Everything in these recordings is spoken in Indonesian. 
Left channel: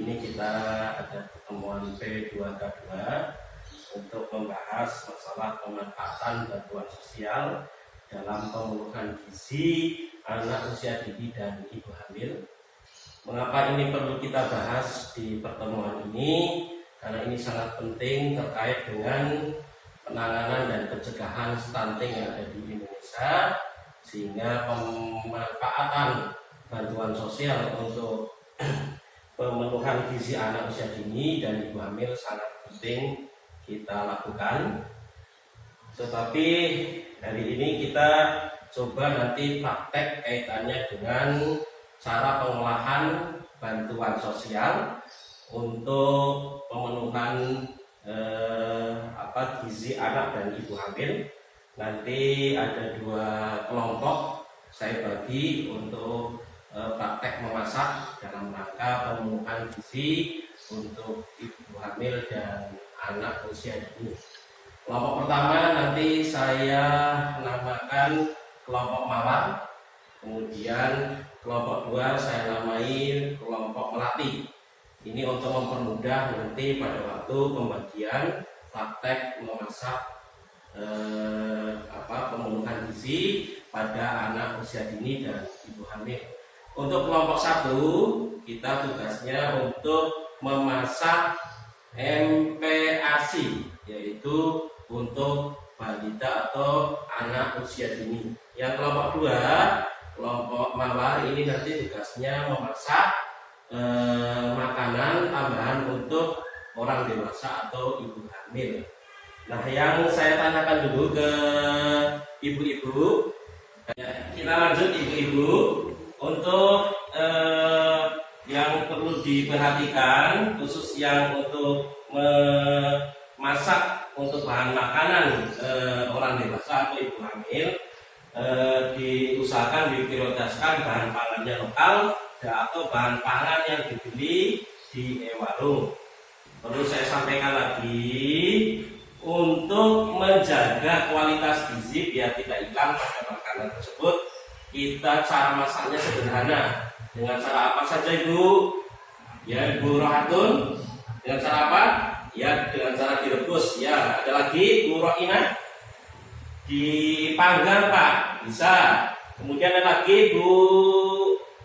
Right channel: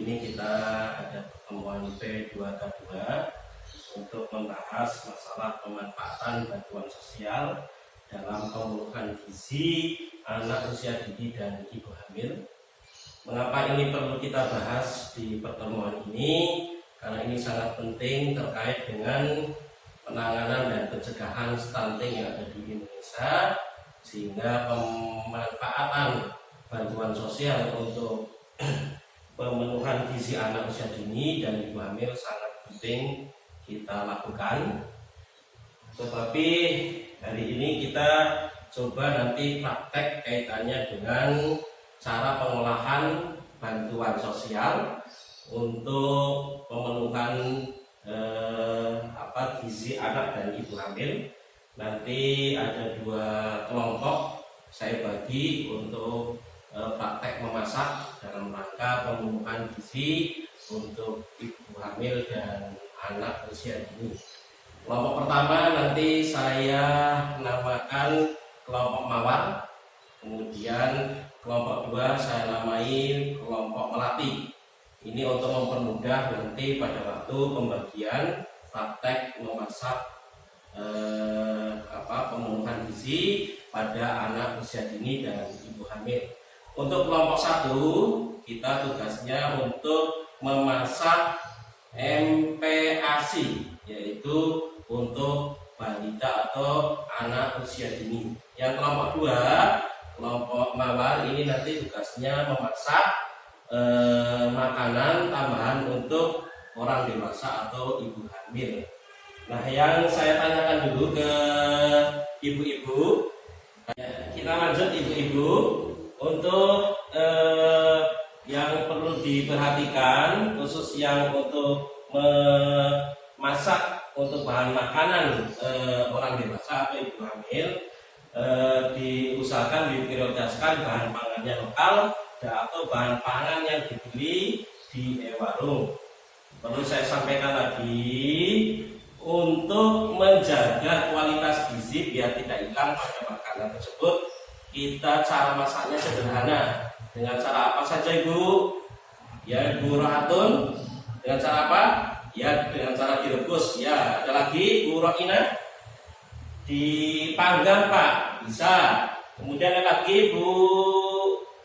ini kita ada pertemuan P2K2 untuk membahas masalah pemanfaatan bantuan sosial dalam pemenuhan gizi anak usia dini dan ibu hamil. Mengapa ini perlu kita bahas di pertemuan ini? Karena ini sangat penting terkait dengan penanganan dan pencegahan stunting yang ada di Indonesia, sehingga pemanfaatan bantuan sosial untuk pemenuhan gizi anak usia dini dan ibu hamil sangat penting kita lakukan. Tetapi hari ini kita coba nanti praktek kaitannya dengan cara pengolahan bantuan sosial untuk pemenuhan gizi anak dan ibu hamil. Nanti ada 2 kelompok saya bagi untuk praktek memasak dalam rangka pemenuhan gizi untuk ibu hamil dan anak usia dini. Kelompok pertama nanti saya namakan kelompok mawar, kemudian kelompok 2 saya namai kelompok melati. Ini untuk mempermudah nanti pada waktu pembagian praktek memasak pemenuhan gizi pada anak usia dini dan ibu hamil. Untuk kelompok 1 kita tugasnya untuk memasak MPASI, yaitu untuk balita atau anak usia dini. Yang kelompok 2, kelompok mawar, ini nanti tugasnya memasak makanan tambahan untuk orang dewasa atau ibu hamil. Nah, yang saya tanyakan dulu ke ibu-ibu, kita lanjut ibu-ibu. Untuk yang perlu diperhatikan, khusus yang untuk memasak untuk bahan makanan orang dewasa atau ibu hamil, diusahakan diprioritaskan bahan pangannya lokal atau bahan pangan yang dibeli di warung. Perlu saya sampaikan lagi, untuk menjaga kualitas gizi biar tidak hilang pada makanan tersebut, kita cara masaknya sederhana. Dengan cara apa saja Ibu? Ya Ibu Rohatun, dengan cara apa? Ya dengan cara direbus. Ya, ada lagi Bu Roina, dipanggang Pak, bisa. Kemudian ada lagi Bu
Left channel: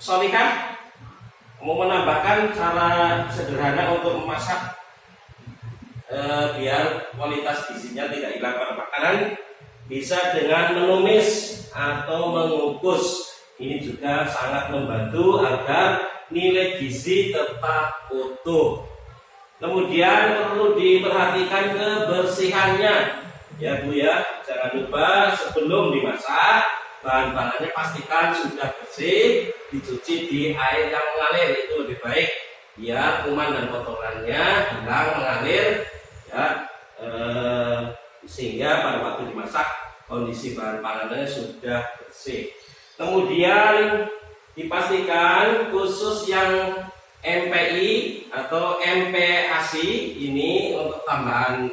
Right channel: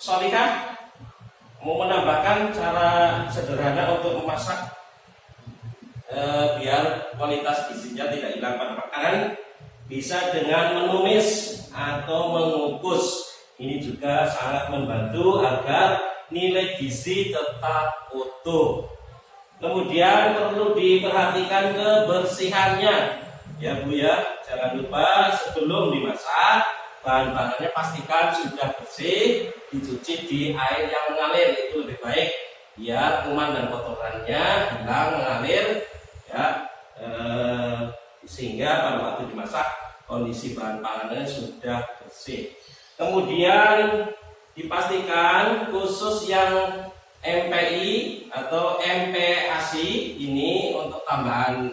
Solihah, mau menambahkan cara sederhana untuk memasak biar kualitas gizinya tidak hilang pada makanan, bisa dengan menumis atau mengukus. Ini juga sangat membantu agar nilai gizi tetap utuh. Kemudian perlu diperhatikan kebersihannya, ya Bu ya. Jangan lupa sebelum dimasak, bahan-bahannya pastikan sudah bersih, dicuci di air yang mengalir, itu lebih baik biar kuman dan kotorannya hilang mengalir, ya, sehingga pada waktu dimasak kondisi bahan pangannya sudah bersih. Kemudian dipastikan khusus yang MPI atau MPASI ini untuk tambahan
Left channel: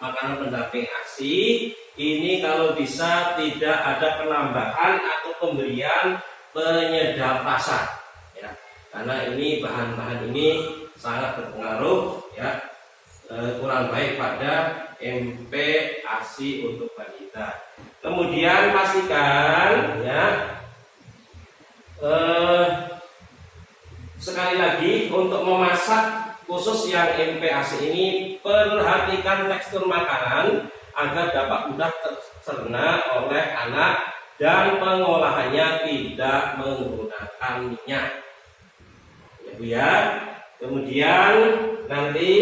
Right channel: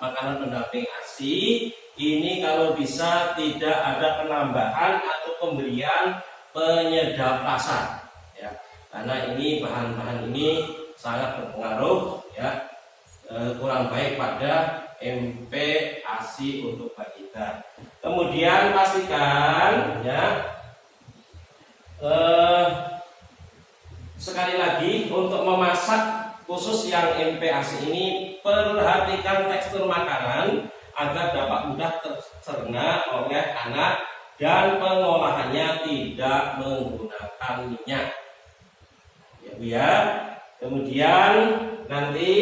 makanan pendamping ASI, ini kalau bisa tidak ada penambahan atau pemberian penyedap rasa, ya, karena ini bahan-bahan ini sangat berpengaruh, ya, kurang baik pada MPASI untuk balita. Kemudian pastikan, ya, sekali lagi untuk memasak khusus yang MPASI ini, perhatikan tekstur makanan agar dapat mudah tercerna oleh anak dan pengolahannya tidak menggunakan minyak, ya Bu ya. Kemudian nanti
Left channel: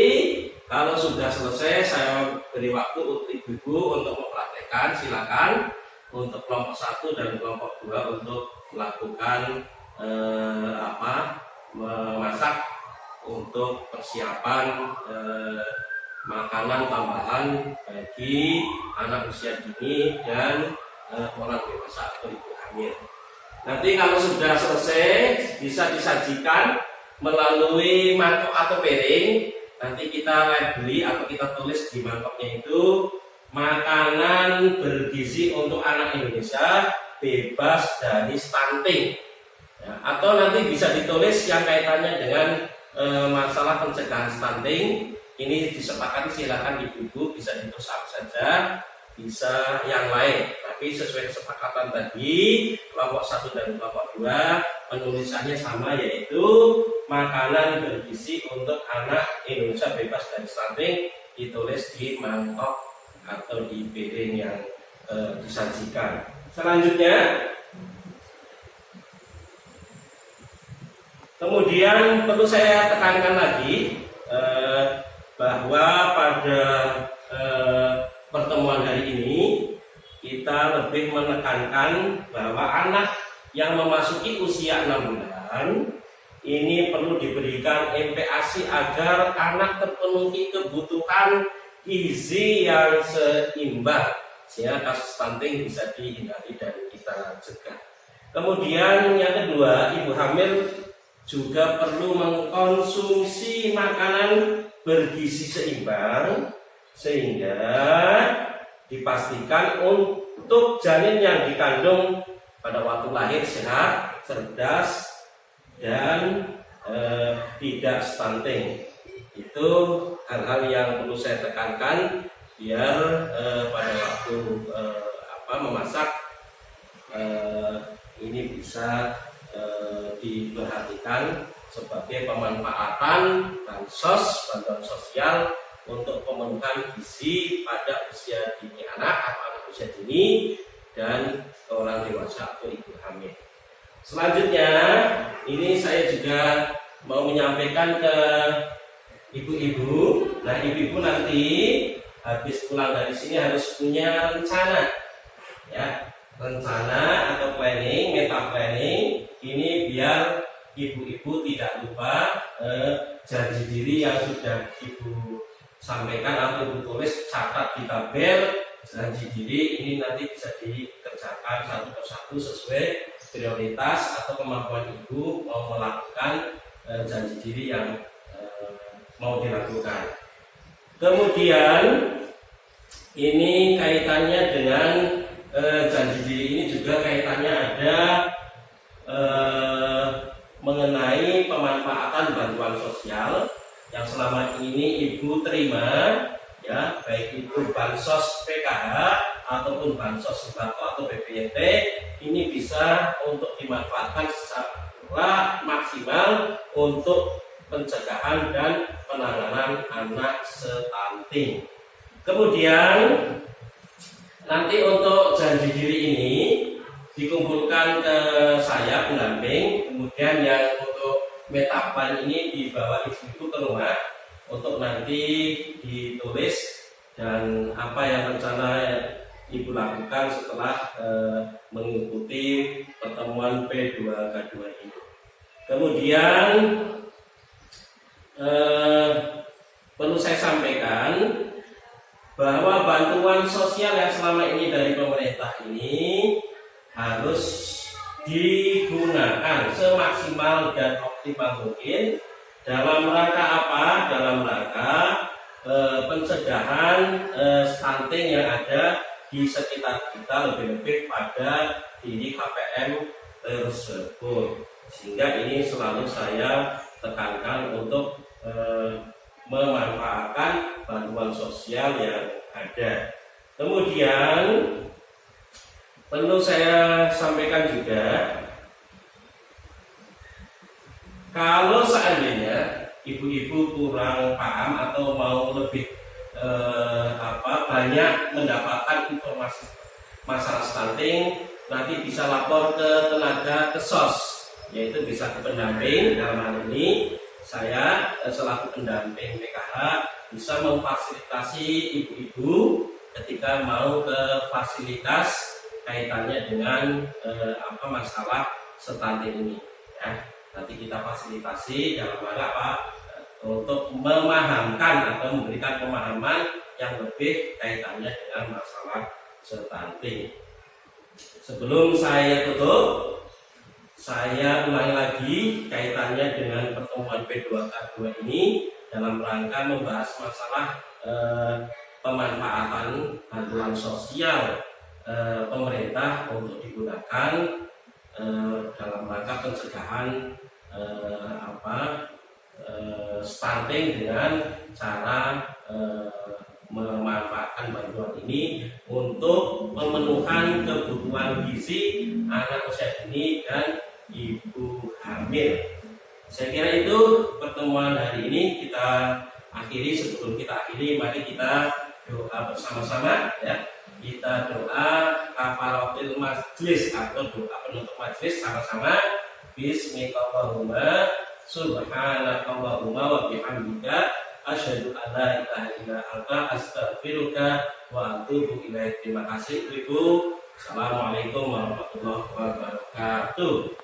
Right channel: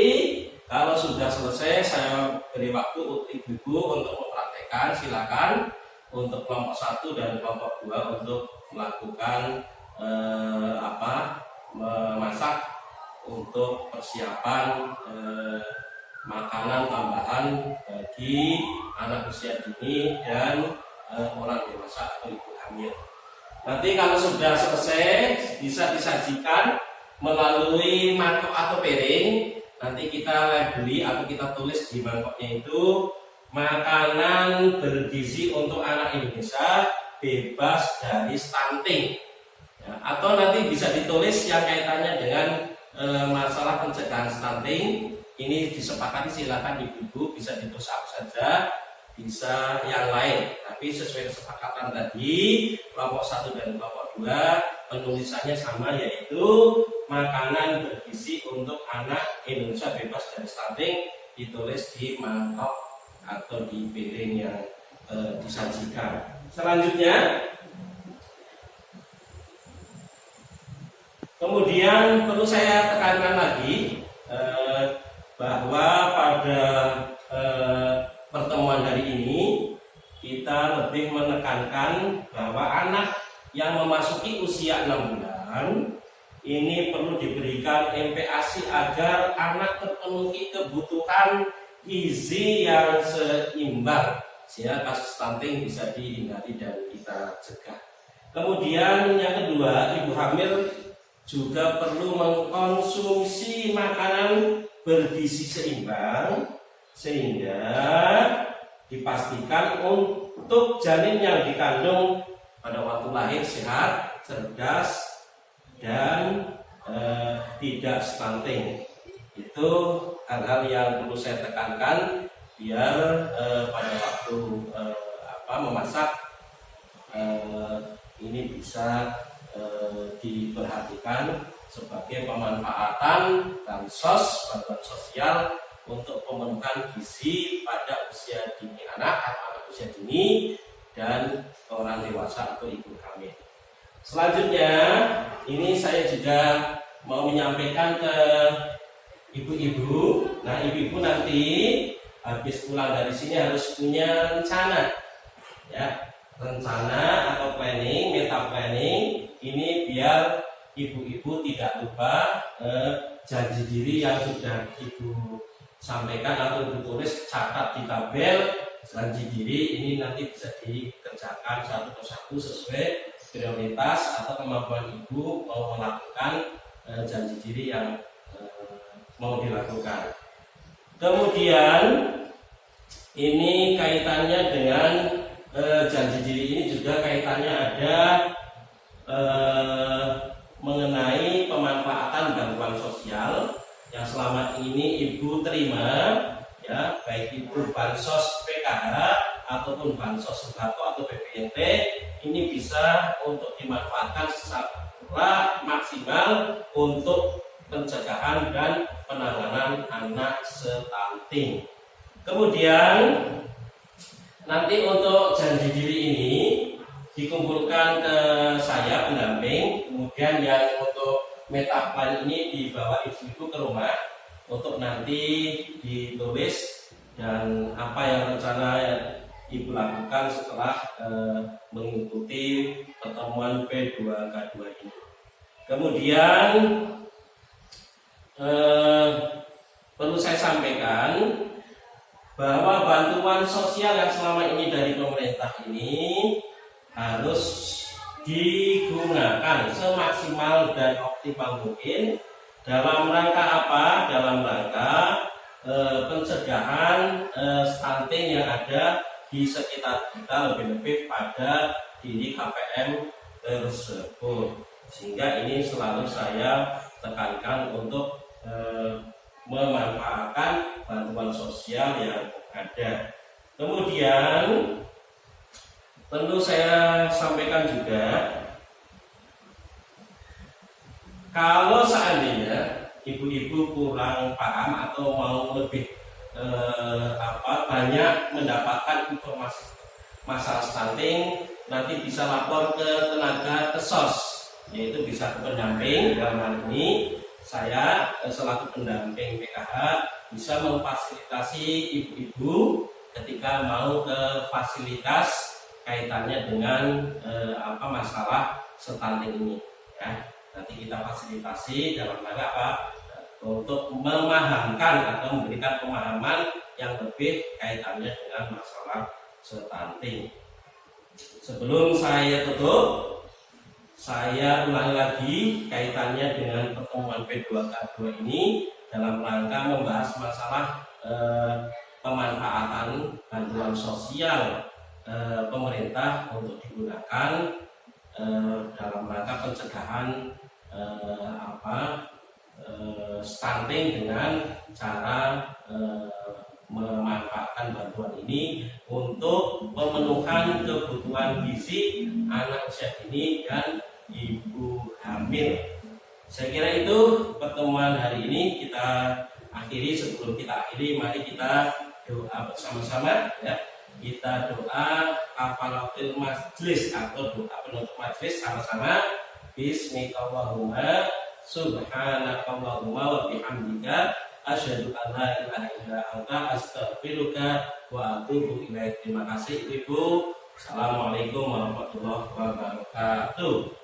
kalau sudah selesai saya beri waktu untuk ibu-ibu untuk mempraktekkan. Silakan untuk kelompok 1 dan kelompok 2 untuk melakukan memasak untuk persiapan makanan tambahan bagi anak usia dini dan orang dewasa atau ibu hamil. Nanti kalau sudah selesai bisa disajikan melalui mangkok atau piring. Nanti kita labeli atau kita tulis di mangkoknya itu makanan bergizi untuk anak Indonesia bebas dari stunting, ya, atau nanti bisa ditulis yang kaitannya dengan masalah pencegahan stunting ini disepakati, silakan ibu-ibu bisa ditulis apa saja, bisa yang lain, tapi sesuai kesepakatan tadi kelompok 1 dan kelompok 2 penulisannya sama, yaitu makanan bergizi untuk anak Indonesia bebas dari stunting ditulis di mangkok atau di piring yang disajikan. Selanjutnya, kemudian perlu saya tekankan lagi bahwa pada pertemuan hari ini kita lebih menekankan bahwa anak yang memasuki usia 6 bulan ini perlu diberikan MPASI agar anak terpenuhi kebutuhan gizi yang seimbang sehingga kasus stunting bisa dihindari dan kita cegah. Kemudian yang kedua, ibu hamil juga perlu mengkonsumsi makanan bergizi seimbang sehingga dipastikan untuk janin yang dikandung pada waktu lahir sehat, cerdas, dan tidak stunting. Itu hal-hal yang perlu saya tekankan biar pada waktu memasak ini bisa diperhatikan sebagai pemanfaatan bantuan sosial untuk pemenuhan gizi pada usia dini anak atau anak usia dini dan orang dewasa atau ibu hamil. Selanjutnya, ini saya juga mau menyampaikan ke ibu-ibu. Nah, ibu-ibu nanti habis pulang dari sini harus punya rencana, ya, rencana atau planning, meta planning. Ini biar ibu-ibu tidak lupa janji diri yang sudah ibu sampaikan atau ibu tulis, catat di tabel. Janji diri ini nanti bisa dikerjakan satu persatu sesuai prioritas atau kemampuan ibu mau melakukan janji diri yang mau dilakukan. Kemudian ini kaitannya dengan janji diri ini juga kaitannya ada mengenai pemanfaatan bantuan sosial yang selama ini ibu terima, ya, baik itu bansos PKH ataupun bansos sembako atau BPNT, ini bisa untuk dimanfaatkan secara maksimal untuk pencegahan dan penanganan anak stunting. Kemudian nanti untuk janji diri ini dikumpulkan ke saya pendamping, kemudian yang untuk meta plan ini dibawa ibu-ibu ke rumah untuk nanti ditulis dan apa yang rencana ibu lakukan setelah mengikuti pertemuan P2K2 ini. Kemudian perlu saya sampaikan bahwa bantuan sosial yang selama ini dari pemerintah ini harus digunakan semaksimal dan optimal mungkin dalam rangka apa? Dalam rangka pencegahan stunting yang ada di sekitar kita, lebih-lebih pada diri KPM tersebut. Sehingga ini selalu saya tekankan untuk memanfaatkan bantuan sosial yang ada. Kemudian perlu saya sampaikan juga, kalau seandainya ibu-ibu kurang paham atau mau lebih banyak mendapatkan informasi masalah stunting, nanti bisa lapor ke tenaga kesos, yaitu bisa ke pendamping. Dalam hal ini saya selaku pendamping PKH bisa memfasilitasi ibu-ibu ketika mau ke fasilitas kaitannya dengan masalah stunting ini, ya. Nanti kita fasilitasi dalam rangka apa? Untuk memahamkan atau memberikan pemahaman yang lebih kaitannya dengan masalah stunting. Sebelum saya tutup, saya ulangi lagi kaitannya dengan pertemuan P2K2 ini dalam rangka membahas masalah pemanfaatan bantuan sosial pemerintah untuk digunakan dalam rangka pencegahan stunting dengan cara memanfaatkan bantuan ini untuk memenuhkan kebutuhan gizi anak usia dini dan ibu hamil. Saya kira itu pertemuan hari ini kita akhiri. Sebelum kita akhiri, mari kita doa bersama-sama ya. Kita doa kafaratul majlis atau doa penutup majlis sama-sama. Bismillahirrahmanirrahim. Subhanakallahumma wa bihamdika asyhadu an la ilaha illa anta astaghfiruka wa atubu ilaik. Terima kasih Ibu. Assalamualaikum warahmatullahi wabarakatuh.